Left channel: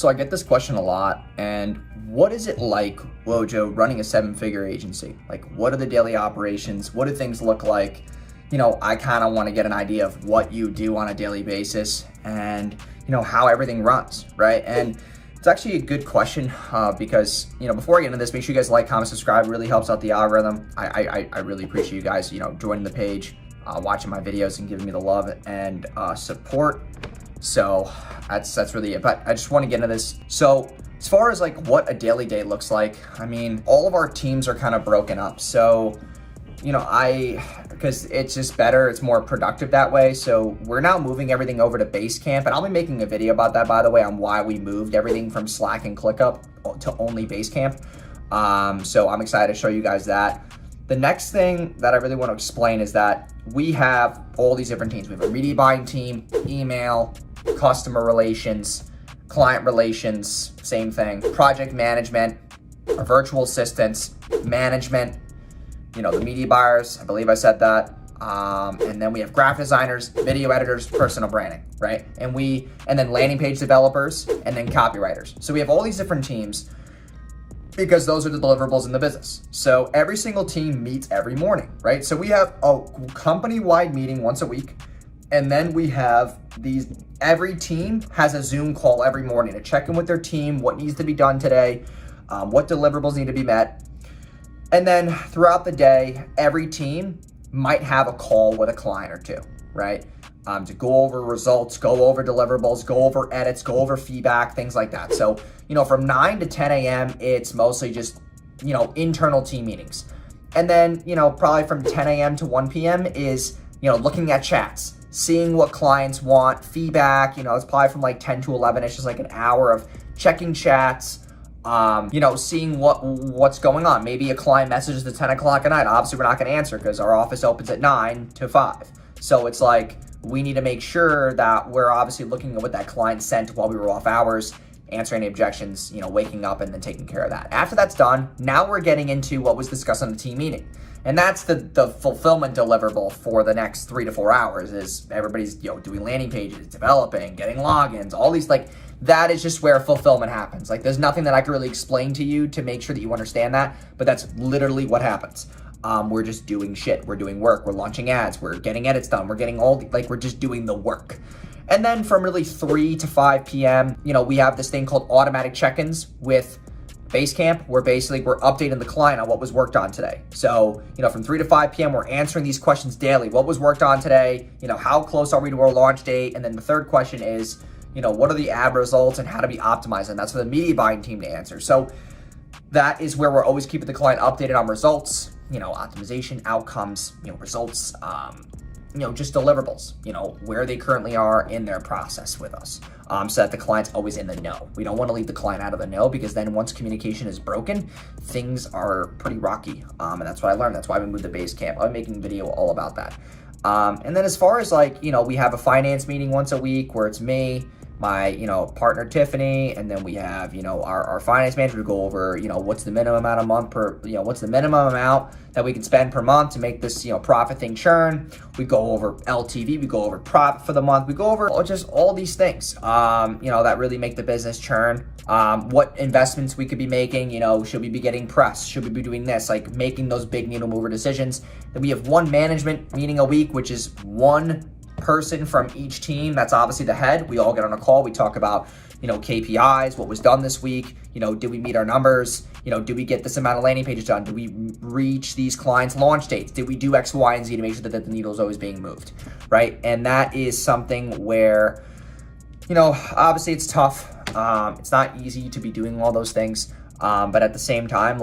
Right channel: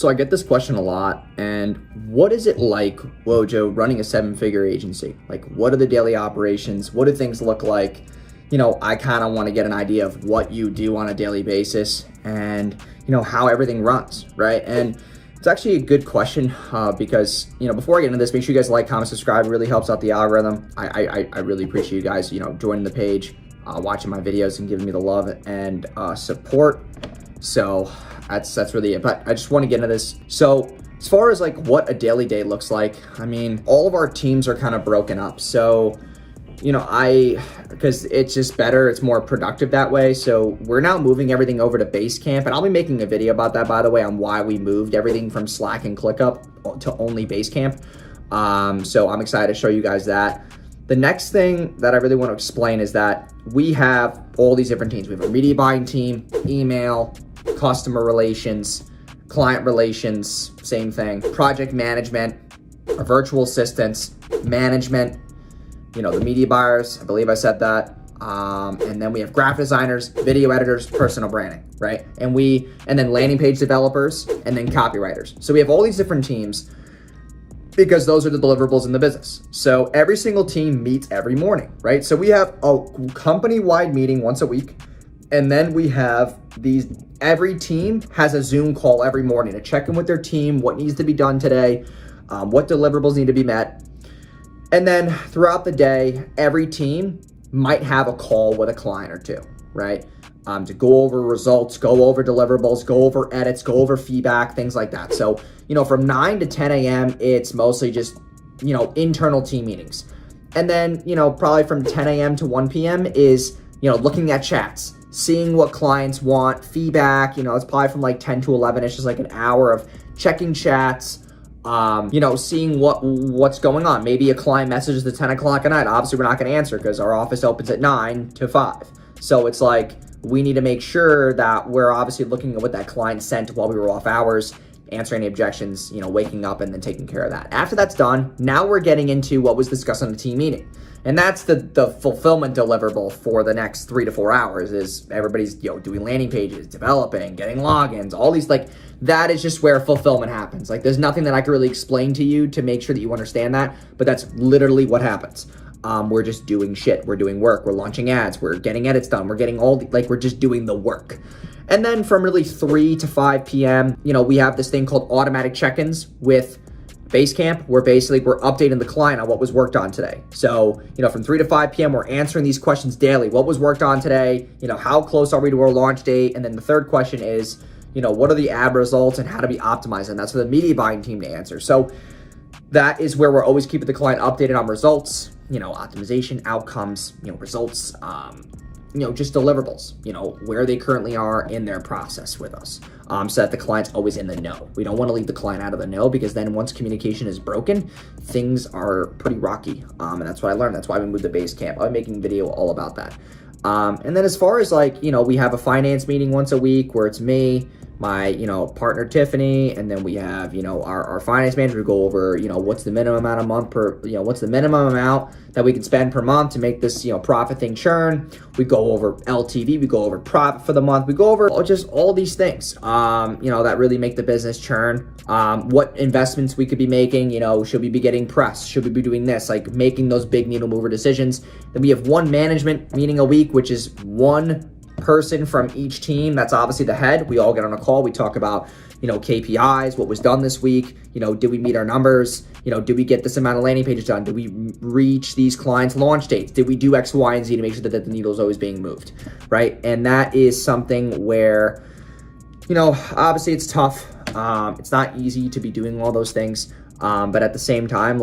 So I get this question a lot, and what is it like, Wojo, running a 7-figure agency? Like, what are the daily operations? What do things look like? I kind of want to get an idea of what you do on a daily basis and, how everything runs, right? And it's actually a good question because, before I get into this, make sure you guys like, comment, subscribe. It really helps out the algorithm. I really appreciate you guys, joining the page, watching my videos and giving me the love and support. So that's really it. But I just want to get into this. So as far as like what a daily day looks like, I mean, all of our teams are kind of broken up. So, because it's just better, it's more productive that way. So we're now moving everything over to Basecamp, and I'll be making a video about that, by the way, on why we moved everything from Slack and ClickUp to only Basecamp. So I'm excited to show you guys that. The next thing that I really want to explain is that we have all these different teams. We have a media buying team, email, customer relations, client relations, same thing, project management, our virtual assistants, management, the media buyers, I believe I said that. And then we have graphic designers, video editors, personal branding, right? And then landing page developers, and then copywriters. So we have all these different teams because those are the deliverables in the business. So every single team meets every morning, right? So we have a company-wide meeting once a week. And then we have every team has a Zoom call every morning to check in with their team, what needs to be done today, what deliverables need to be met. And then throughout the day, every team might have a call with a client or two, right? To go over results, go over deliverables, go over edits, go over feedback, things like that. So, from 9 to 10 a.m., it's mostly just, internal team meetings. And then, probably from 10 a.m. to 1 p.m. is, looking at chats, seeing what clients want, feedback, it's probably from like 10 to 11. It's just like an hour of checking chats, seeing what's going on. Maybe a client messages at 10 o'clock at night. Obviously, we're not going to answer because our office opens at 9 to 5. So it's like, we need to make sure that we're obviously looking at what that client sent while we were off hours, answering any objections, waking up and then taking care of that. After that's done, now we're getting into what was discussed on the team meeting. And that's the fulfillment deliverable for the next 3 to 4 hours is everybody's, doing landing pages, developing, getting logins, all these, like, that is just where fulfillment happens. Like, there's nothing that I can really explain to you to make sure that you understand that, but that's literally what happens. We're just doing shit. We're doing work. We're launching ads. We're getting edits done. We're getting we're just doing the work. And then from really 3 to 5 p.m., we have this thing called automatic check-ins with Basecamp, where basically we're updating the client on what was worked on today. So, from 3 to 5 p.m., we're answering these questions daily. What was worked on today? How close are we to our launch date? And then the third question is, what are the ad results and how to be optimized? And that's for the media buying team to answer. So that is where we're always keeping the client updated on results, optimization, outcomes, results, just deliverables, where they currently are in their process with us, so that the client's always in the know. We don't want to leave the client out of the know because then once communication is broken, things are pretty rocky. And that's what I learned. That's why we moved to Basecamp. I'm making a video all about that. And then as far as we have a finance meeting once a week where it's me, my, partner Tiffany, and then we have, our finance manager to go over, what's the minimum amount a month what's the minimum amount that we can spend per month to make this, profit thing churn. We go over LTV, we go over profit for the month, we go over just all these things, that really make the business churn. What investments we could be making, should we be getting press? Should we be doing this? Like making those big needle mover decisions. Then we have one management meeting a week, which is one person from each team. That's obviously the head. We all get on a call. We talk about, KPIs, what was done this week. Did we meet our numbers? Did we get this amount of landing pages done? Did we reach these clients' launch dates? Did we do X, Y, and Z to make sure that the needle is always being moved, right? And that is something where, obviously it's tough. It's not easy to be doing all those things. But at the same time,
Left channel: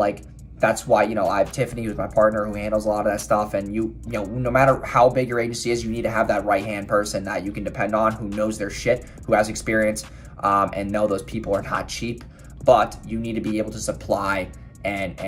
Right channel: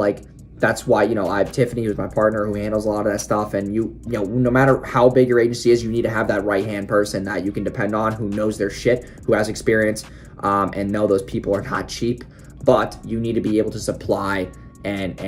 that's why, I have Tiffany, who's my partner, who handles a lot of that stuff. And no matter how big your agency is, you need to have that right-hand person that you can depend on, who knows their shit, who has experience, and know those people are not cheap. But you need to be able to supply and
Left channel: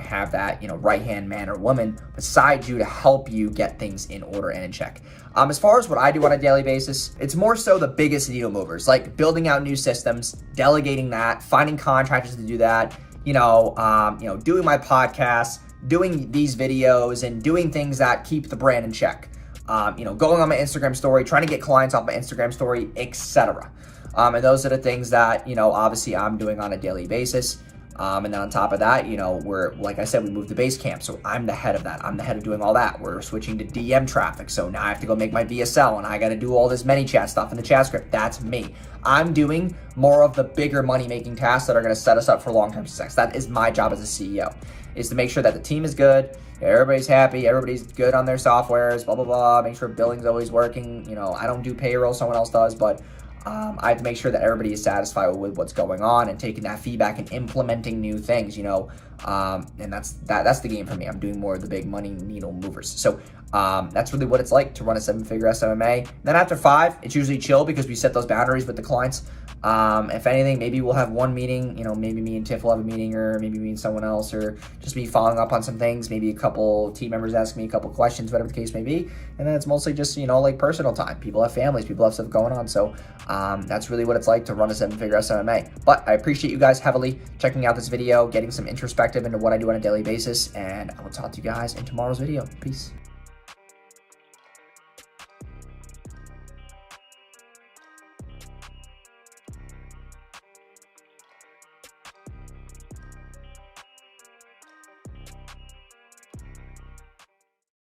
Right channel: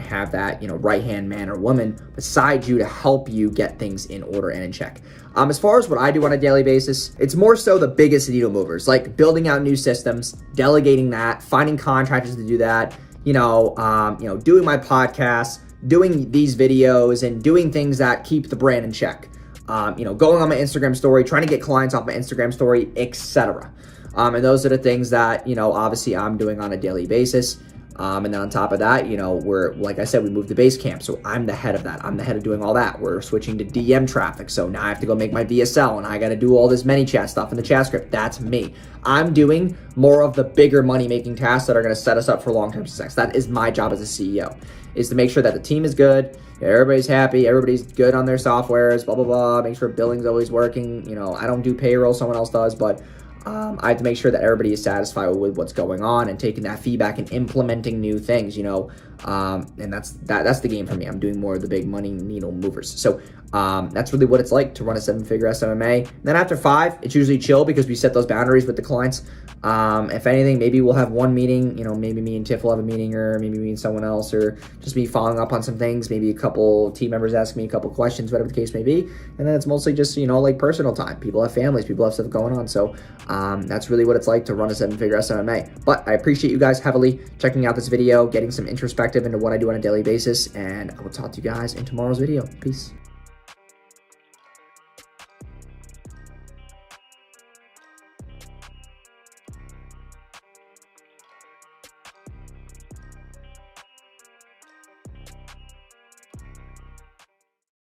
have that, right-hand man or woman beside you to help you get things in order and in check. As far as what I do on a daily basis, it's more so the biggest needle movers, like building out new systems, delegating that, finding contractors to do that, doing my podcast, doing these videos, and doing things that keep the brand in check. Going on my Instagram story, trying to get clients off my Instagram story, etc. And those are the things that, you know, obviously I'm doing on a daily basis. And then on top of that, you know, like I said, we moved to Basecamp. So I'm the head of that. I'm the head of doing all that. We're switching to DM traffic. So now I have to go make my VSL and I got to do all this ManyChat stuff in the chat script. That's me. I'm doing more of the bigger money-making tasks that are going to set us up for long-term success. That is my job as a CEO, is to make sure that the team is good, everybody's happy, everybody's good on their softwares, blah, blah, blah, make sure billing's always working. You know, I don't do payroll, someone else does, but I have to make sure that everybody is satisfied with what's going on and taking that feedback and implementing new things, you know, and that's the game for me. I'm doing more of the big money needle movers. So that's really what it's like to run a 7-figure SMMA. Then after 5, it's usually chill because we set those boundaries with the clients. If anything, maybe we'll have one meeting, you know, maybe me and Tiff will have a meeting, or maybe me and someone else, or just me following up on some things, maybe a couple team members ask me a couple questions, whatever the case may be. And then it's mostly just, you know, like personal time. People have families, people have stuff going on. So that's really what it's like to run a 7-figure SMMA. But I appreciate you guys heavily checking out this video, getting some introspective into what I do on a daily basis, and I will talk to you guys in tomorrow's video. Peace.